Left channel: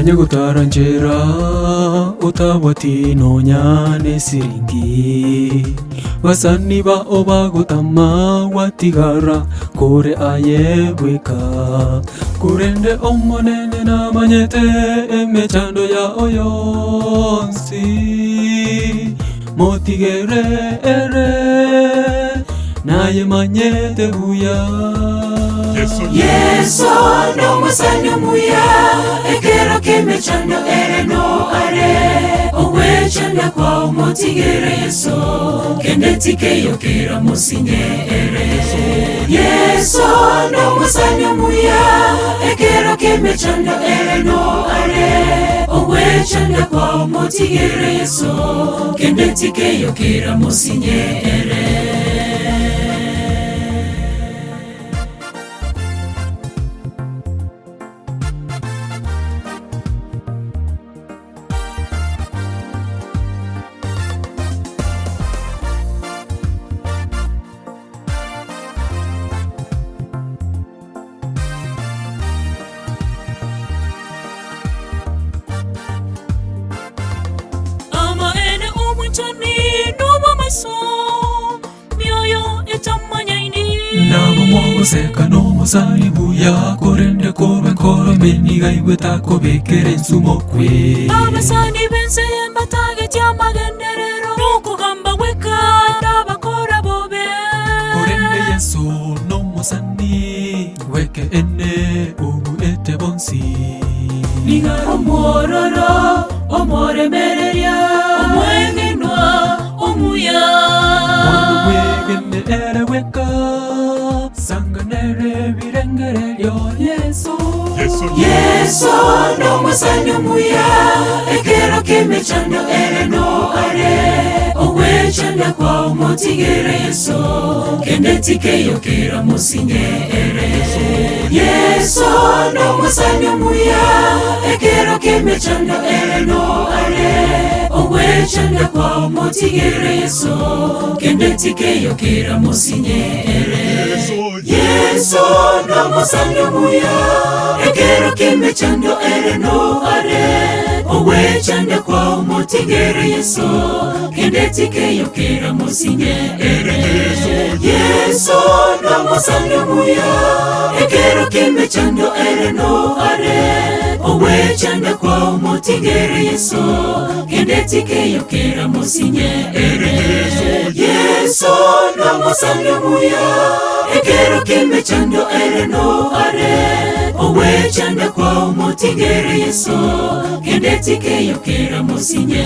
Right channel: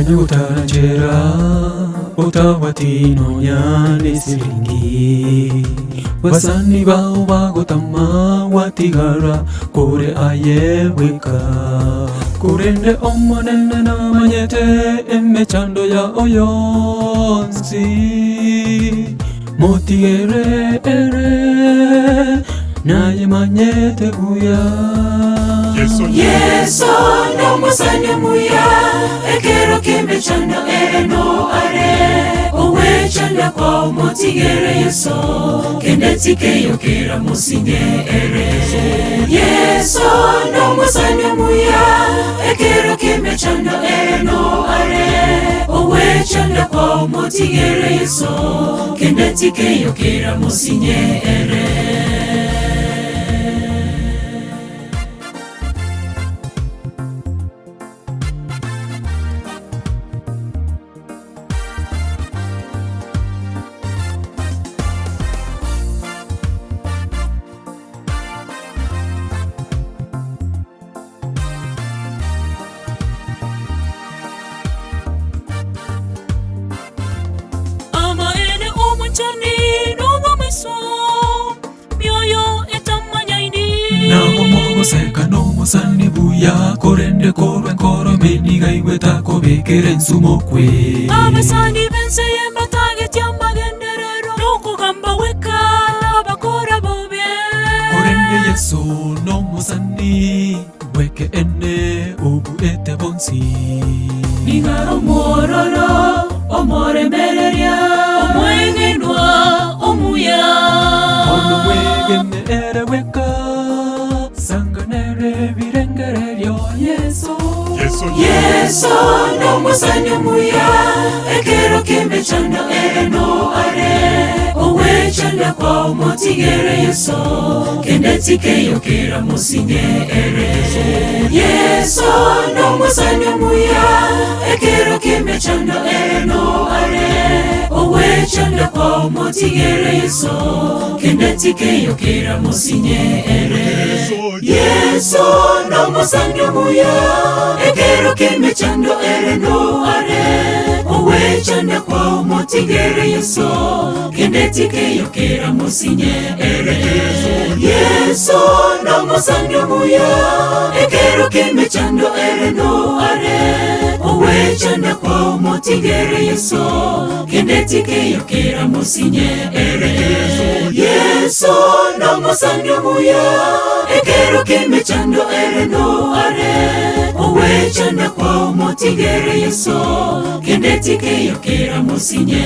Manye gutaranjira utabati nyane siringi basani bao bagutama watigara kure ayewika kurende omonene na manyete emechando ya oyonsi motigere ere naye manyete buya Yeso no masanya muya ekero kemechando ere no are owe chanda kwa motigere Yeso kendetike yokera musinye ere Yeso no masanya muya ekero kemechando ere no are owe chanda kwa motigere Yeso kendetike yokera musinye ere Seka no musani buya korende korwe koro meniga iweta kobekere nsumokwe abasani bense yemba target ya magenderero nuko gamba weka abakora bobe korende Yesu no musani weke ene ubu ete bonsi ninga omororo omoremereria omwengenwa omuya Wando wegene ere weka sanganere virengere lyo Yeso no masanya muya ekero kemechando ere no are owe chanda kwa motigere Yeso kendetike yokera musinye ere Yeso no masanya muya ekero kemechando ere no are owe chanda kwa motigere Yeso kendetike yokera musinye ere Yeso no masanya muya ekero kemechando ere no are owe chanda kwa motigere Yeso kendetike yokera musinye ere Yeso no masanya muya ekero kemechando ere no are owe chanda kwa motigere Yeso kendetike yokera musinye ere Yeso no masanya muya ekero kemechando ere no are owe chanda kwa motigere Yeso kendetike yokera musinye